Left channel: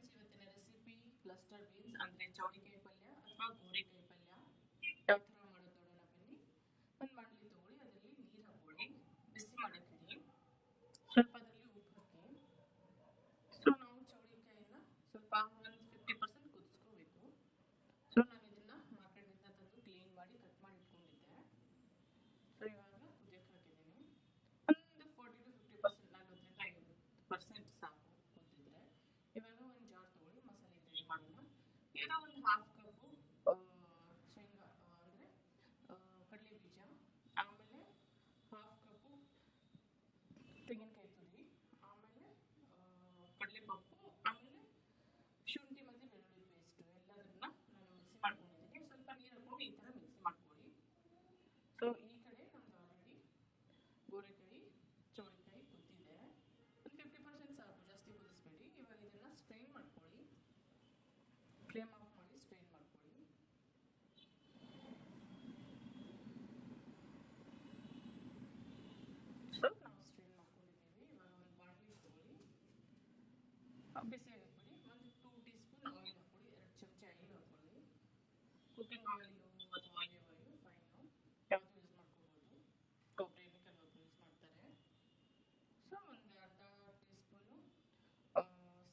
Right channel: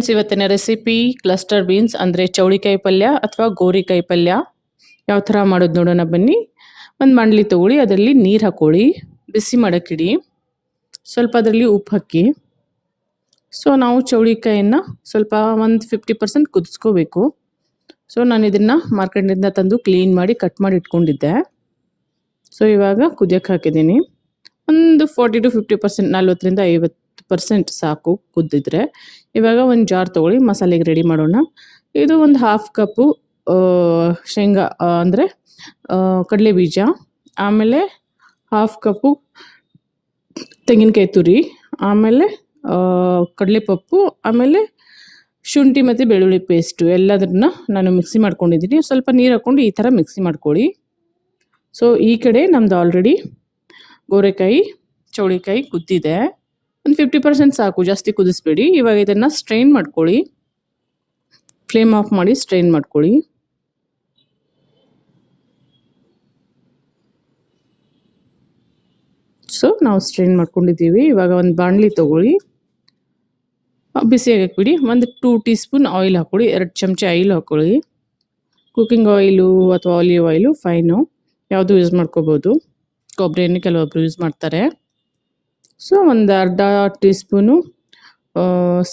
Friends ಇವತ್ತಿನ recipe cluster beans ಅಂದರೆ ಚೌಳಿಕಾಯಿ ಪಲ್ಯ ಅಥವಾ ಗೋರಿಕಾಯಿ ಪಲ್ಯ ಯಾವ ಥರ ಮಾಡೋದು ನೋಡೋಣ ಬನ್ನಿ. ಒಂದು ಮಂಡ್ಲಿ ತೊಗೊಳ್ಳಿ, ಅದರಲ್ಲಿ ನೀರು ಹಾಕ್ಕೊಳ್ಳಿ ಬಿಸಿ ಮಾಡೋಕ್ಕಿಡಿ. ಸ್ವಲ್ಪ ಅದರಲ್ಲಿ ಉಪ್ಪು ಹಾಕಿ. ಸೊ ನಾವು ಚೌಳಿಕಾಯಿಯನ್ನು ಸ್ವಲ್ಪ ಒಂದು ಫಿಫ್ಟಿ ಪರ್ಸೆಂಟ್ ಕುದಿಸ್ಕೋಬೇಕು. ಸೊ ನಾನು ಇದನ್ನು ಮಾರ್ಕೆಟ್ನಿಂದ ತಂದು ಕ್ಲೀನ್ ಮಾಡಿ ಕಟ್ ಮಾಡಿ ಇಟ್ಕೊಂಡಿದ್ದೆ. ಸೊ ಇವಾಗ ಕುದಿಯೋಕ್ಕೆ ಹಾಕಿದ್ದೀನಿ. ಒಂದು ಫಾರ್ಟಿ ಟು ಫಿಫ್ಟಿ ಪರ್ಸೆಂಟ್ ನಲ್ವತ್ತರಿಂದ ಐವತ್ತು ಪರ್ಸೆಂಟ್ ಸಾಕು ಕುದ್ದಿದ್ರೆ. ಇವಾಗ ಒಂದು ಜಾರ್ ತೊಗೊಳ್ಳಿ, ಮಸಾಲೆಗೆ ರೆಡಿ ಮಾಡೋಣ. ಇದು ಒಂದು ಹಾಫ್ ಕಪ್ಪು ಶೇಂಗಾ ಅಂದರೆ ಕಡಲೆ ಬೀಜ, ಆಮೇಲೆ ಹಾಫ್ ಕಪ್ಪು ತೆಂಗಿನಕಾಯಿ ತುರಿ, ಆಮೇಲೆ ಕಡಲೆ ಪಪ್ಪು ಆಮೇಲೆ ಶುಂಠಿ ಮತ್ತು ಬೆಳ್ಳುಳ್ಳಿ ಪೇಸ್ಟು ಎಲ್ಲದನ್ನ ನಾನು ಮಿಕ್ಸಿ ಮಾಡ್ಕೊಂಡಿದ್ದೀನಿ. ಸ್ವಲ್ಪ ನೀರು ಹಾಕ್ಕೊಂಡು ಈ ಥರ ಮಿಕ್ಸಿ ಮಾಡ್ಕೊಳ್ಳಿ. ಸೊ ಈ ಕಡೆ ನಮ್ದು ಆಲ್ರೆಡಿ ಗೋರೆಕಾಯಿ, ಚೌಳಿಕಾಯಿ ಕುದ್ದಿದೆ. ಒಂದು ಫಿಫ್ಟಿ ಪರ್ಸೆಂಟ್ ಸಾಕು, ಜಾಸ್ತಿ ಕುದಿಸ್ಬೇಡಿ. ಇವಾಗ ಇದನ್ನು ಸ್ಟ್ರೈನ್ ಮಾಡ್ಕೊಳ್ಳಿ. ಫ್ಲೇಮ್ ಆಫ್ ಮಾಡಿ ಸ್ಟ್ರೈನ್ ಮಾಡ್ಕೊಳ್ಳಿ. ಸೊ ನಾವು ಸ್ಟ್ರೈನ್ ಮಾಡ್ಕೊಂಡಿದ್ದೀವಿ. ಇವಾಗ ಒಂದು ಬಾಣಲಿ ತೊಗೊಳ್ಳಿ. ಬಿಸಿ ಬಿಡಿ ಒಂದು ಟೂ ಟೀ ಸ್ಪೂನ್ ಆಯಿಲ್ ಹಾಕ್ಕೊಳ್ಳಿ. ಎರಡು ಚಮಚ ಆಯಿಲ್ ಹಾಕ್ಕೊಳ್ಳಿ. ಕುಕ್ಕಿಂಗ್ ಆಯಿಲು ಅಥವಾ ಆಲಿವ್ ಆಯಿಲು ಫೈನು ಯಾವುದು ಯೂಸ್ ಮಾಡ್ಕೋಬೋದು. ಕೊಬ್ಬರಿ ಎಣ್ಣೆ ಕೆಲವೊಬ್ರು ಯೂಸ್ ಮಾಡ್ತಾರೆ. ಸೊ ಒಂದು ಅರ್ಧ ಟೀ ಸ್ಪೂನು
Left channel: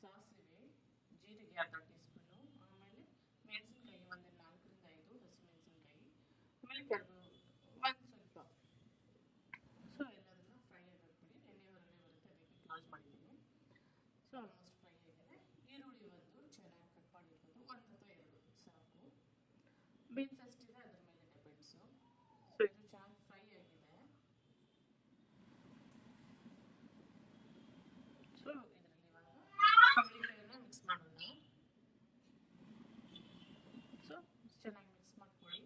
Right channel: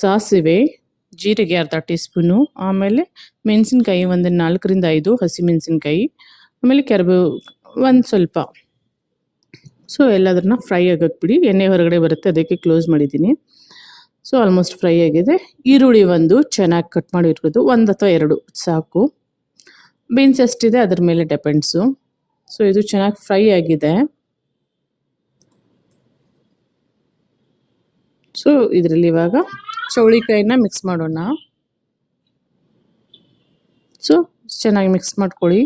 ಸಾಸಿವೆ, ಜೀರಿಗೆ ಅರ್ಧ ಟೀ ಸ್ಪೂನು ಆಮೇಲೆ ಮೆಣಸಿನ್ಕಾಯಿ ಒಂದು ನಾಲ್ಕರಿಂದ ಐದು ಹಸಿ ಮೆಣಸಿನ್ಕಾಯಿ, ಆಮೇಲೆ ಕೆರಬು ಒಂದು ಸ್ವಲ್ಪ. ಸೊ ಎಲ್ಲದನ್ನ ಫ್ರೈ ಆಗಕ್ಕೆ ಬಿಡಿ, ಎಣ್ಣೆ ಹೊರಗಡೆ ಬರುತ್ತೆ, ಅದಕ್ಕೆ ಕ್ಲೋಸ್ ಮಾಡಿದ್ದೀನಿ. ಸೊ ಆಲ್ಮೋಸ್ಟ್ ಫ್ರೈ ಆಗಿದೆ. ಈರುಳ್ಳಿ ಒಂದು ಚೆನ್ನಾಗಿ ಕಟ್ ಮಾಡಿರ್ಬೋದು ಒಂದು ಅಥವಾ ಎರಡು, ಸಾಕು. ಬೀನ್ಸ್ ಎಷ್ಟಿದೆ ಅದ್ರ ಮೇಲೆ ಡೆಪೆಂಡ್ಸು. ಸೊ ಇದು ಚೆನ್ನಾಗಿ ಫ್ರೈ ಆಗಿದೆ. ಸೊ ಇದರಲ್ಲಿ ಇವಾಗ ಚೌಳಿಕಾಯಿನ ಮಿಕ್ಸ್ ಮಾಡೋಣ. ಸೊ ಚೆನ್ನಾಗಿ ಮಿಕ್ಸ್ ಮಾಡ್ಕೊಳ್ಳಿ.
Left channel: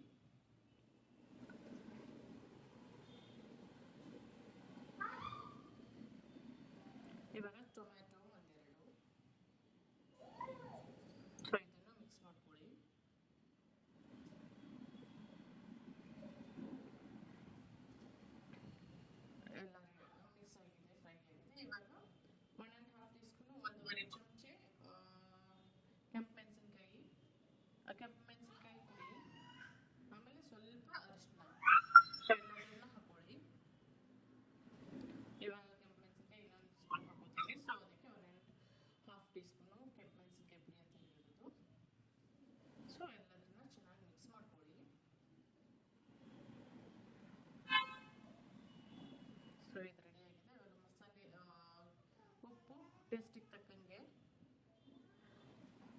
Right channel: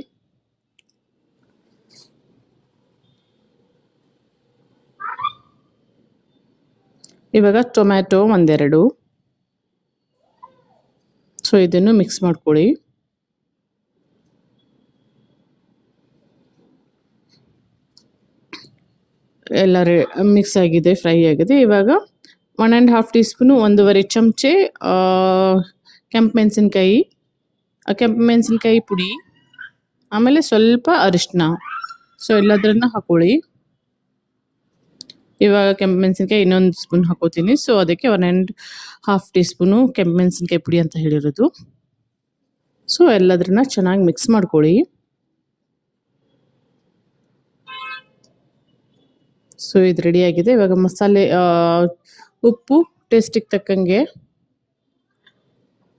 ಇವಾಗ ಟೊಮ್ಯಾಟೊ ಒಂದೆರಡು. ಸೊ ಇದನ್ನು ಮಿಕ್ಸ್ ಮಾಡ್ಕೊಳ್ಳಿ. ಎಲ್ಲ ಮಿಕ್ಸ್ ಆಗಿದೆ ಫ್ರೈ ಆಗಿದೆ. ಇವಾಗ one and half teaspoon ಒಂದೂವರೆ ಚಮಚೆ ಕೆಂಪು ಮೆಣಸಿನ್ಕಾಯಿ. ಕೆಂಪು ಮೆಣಸಿನ್ಕಾಯಿ ಪುಡಿ. ಆಮೇಲೆ ಸ್ವಲ್ಪ ಅರಿಶಿನ ಸೊ ಎಲ್ಲದರನ್ನ ಹಾಕೊಳ್ಳಿ. ಇವಾಗ ಕೆಂಪು ಮೆಣಸಿನ್ಕಾಯಿ ಇನ್ನೊಂದು ಸ್ಪೂನ್ ಹಾಕೋತೀನಿ. ಸೊ ಅದಕ್ಕೆ one and half teaspoon ಕೆಂಪು ಮೆಣಸಿನ್ಕಾಯಿ ಪುಡಿ ಅಂತ ಹೇಳಿರೋದು. ಸೊ ಎಲ್ಲದ್ರನ್ನ ಚೆನ್ನಾಗಿ ಮಿಕ್ಸ್ ಮಾಡ್ಕೊಳ್ಳಿ. ಸೊ ಇದು ರೆಡಿಯಾಗಿದೆ ಇವಾಗ ಮಸಾಲೆ ಉಪ್ಪು ಟೇಸ್ಟಿಗೆ ತಕ್ಕಂಗೆ.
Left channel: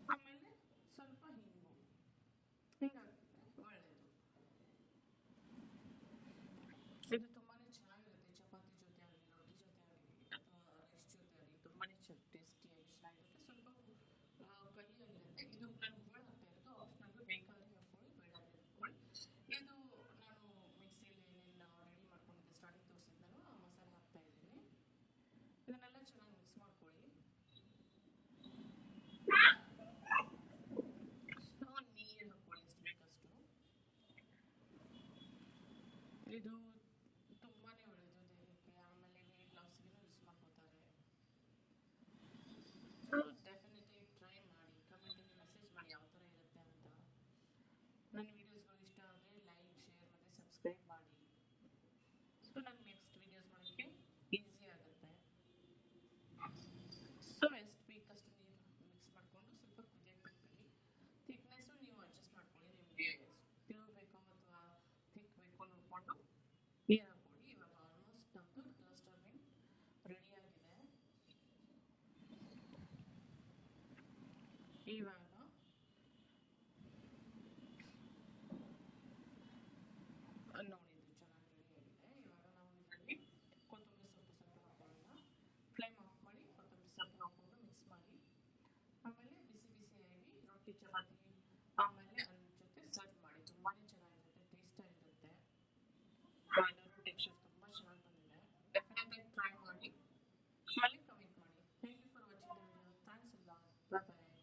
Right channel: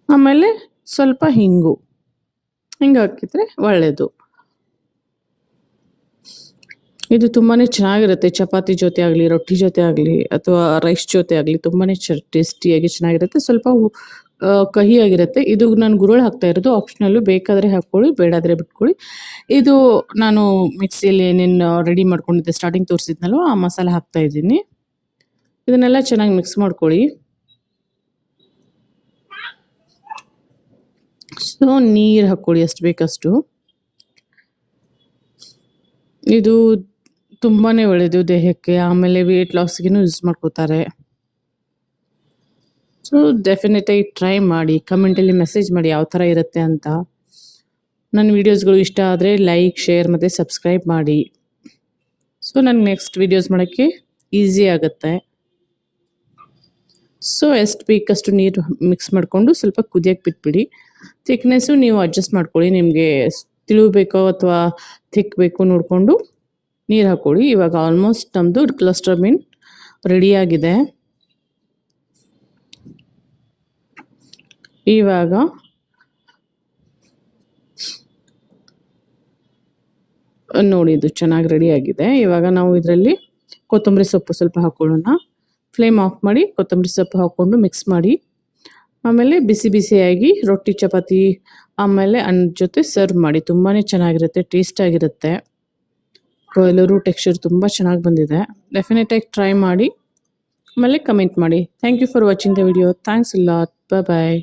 ಆಮೇಲೆ ಸ್ವಲ್ಪ ಹಿಂಗು. ಹಿಂಗೆ ಹಾಕಿದರೆ ಒಳ್ಳೆಯದು ಇದು ತುಂಬಾ ಚೆನ್ನಾಗಿರುತ್ತೆ. ಚಪಾತಿ ಜೊತೆ ಆಗಲಿ, ರೊಟ್ಟಿ ಜೊತೆ ಆಗಲಿ, ಅಥವಾ ರೈಸ್ ಜೊತೆ ಆಗಲಿ ತುಂಬಾ ಚ ಟೇಸ್ಟಿಯಾಗಿ ಚೆನ್ನಾಗಿರುತ್ತೆ. ಸ್ವಲ್ಪ ಕಹಿಯಾಗಿರುತ್ತೆ. ಇದು ನಾನು ಗುರುಳು ಹಾಕ್ತಾ ಇರೋದು. ಆಪ್ಷನಲ್ಲು ಬೇಕಾದರೆ ಹಾಕ್ಕೊಳ್ಳಿ, ಬೇಡಾದರೆ ಬಿಟ್ಕೊಳ್ಳಿ. ಇದು ನಾನು ಮಿಕ್ಸಿಯಲ್ಲಿ ಏನೇನು ರೆಡಿ ಮಾಡ್ಕೊಂಡಿದ್ದೆ ಸ್ಟಾರ್ಟಿಂಗ್ ತೋರಿಸಿದ್ನಲ್ವ, ಆ ಮಸಾಲೆ ಹಾಕ್ತಾ ಇದ್ದೀನಿ. ಇದನ್ನೆಲ್ಲ ಚೆನ್ನಾಗಿ ಮಿಕ್ಸ್ ಮಾಡ್ಕೊಳ್ಳಿ. ಸೊ ನೀರು ಹಾಕ್ಕೊಳ್ಳಿ ಎಷ್ಟು ಬೇಕಷ್ಟು. ಇದು ತುಂಬಾ ಒಳ್ಳೆಯದು ದೇಹಕ್ಕೆ, ಆಮೇಲೆ ವೆಯ್ಟ್ ಲಾಸ್ಗಿನೂ ಯೂಸ್ ಮಾಡ್ಕೋತಾರೆ. ಸೊ ಡೆಫಿನೆಟಾಗಿ ಟ್ರೈ ಮಾಡಿ ಕಮೆಂಟಲ್ಲಿ ಮೆಸೇಜ್ ಮಾಡಿ ಯಾವ ಥರ ಇರುತ್ತೆ ಅಂತ. ನನ್ನ ವೀಡಿಯೋಸ್ಗಳು ಇಷ್ಟ ಆದರೆ ಲೈಕ್ ಶೇರ್ ಮತ್ತು ಸಬ್ಸ್ಕ್ರೈಬ್ ಮಾಡಿ. ಸೊ ನನಗೆ ನೆಕ್ಸ್ಟ್ ವೀಡಿಯೋಸ್ ಮಾಡೋಕ್ಕೆ ಈಸಿ ಆಗುತ್ತೆ. ಸೊ ಎಷ್ಟು ಬೇಕಷ್ಟು ನೀರು ಮಿಕ್ಸ್ ಮಾಡಿಕೊಂಡು ಸ್ವಲ್ಪ ಕುದಿಯೋಕ್ಕೆ ಬಿಟ್ಬಿಡಿ. ಥಿಕ್ನೆಸ್ಸು ನೀವು ಅಡ್ಜಸ್ಟ್ ಮಾಡ್ಕೊಳ್ಳಿ. ನಿಮಗೆ ತಿಳಿಬೇಕೋ ಅಥವಾ ಥಿಕ್ ಬೇಕೋ ನೋಡಿಕೊಂಡು ನೀರು ಹಾಕ್ಕೊಳ್ಳಿ. ಇವಾಗ ಆಲ್ಮೋಸ್ಟ್ ನಮ್ಮದು ಕ್ಲಸ್ಟರ್ ಮೀನ್ ರೆಡಿಯಾಗಿದೆ ಇವಾಗ ನೋಡಿ, ಇದು ಚೆನ್ನಾಗಿ ರೆಡಿಯಾಗಿದೆ ಇವಾಗ ನಾವು ಇದರಲ್ಲಿ ಕೊತ್ತಂಬರಿ ಸೊಪ್ಪು ಸ್ವಲ್ಪ ಹಾಕ್ಕೊಳ್ಳೋಣ. ಫ್ಲೇಮ್ ಆಫ್ ಮಾಡಿ ಕೊತ್ತಂಬರಿ ಸೊಪ್ಪು ಹಾಕ್ಕೊಂಡು ಮಿಕ್ಸ್ ಮಾಡಿ. ಆಮೇಲೆ ಬಿಸಿ ಬಿಸಿಯಾಗಿ ರೊಟ್ಟಿ, ಚಪಾತಿ, ಆಮೇಲೆ ಅನ್ನ ಜೊತೆ ಸರ್ವ್ ಮಾಡಿ. ತುಂಬಾ ಚೆನ್ನಾಗಿರುತ್ತೆ ಟೇಸ್ಟಾಗಿರುತ್ತೆ ಎಲ್ಲರೂ ಟೆಕ್ಸ್ಚರ್ ತುಂಬ ಚೆನ್ನಾಗಿ ಬಂದಿದೆ. ಡೆಫಿನೆಟಾಗಿ ಟ್ರೈ ಮಾಡಿ, ಆಮೇಲೆ ಕಮೆಂಟ್ ಮಾಡಿ. Thank you for watching the video thanks ಇಲ್ಲ ಬಾಯ್ ಬಾಯ್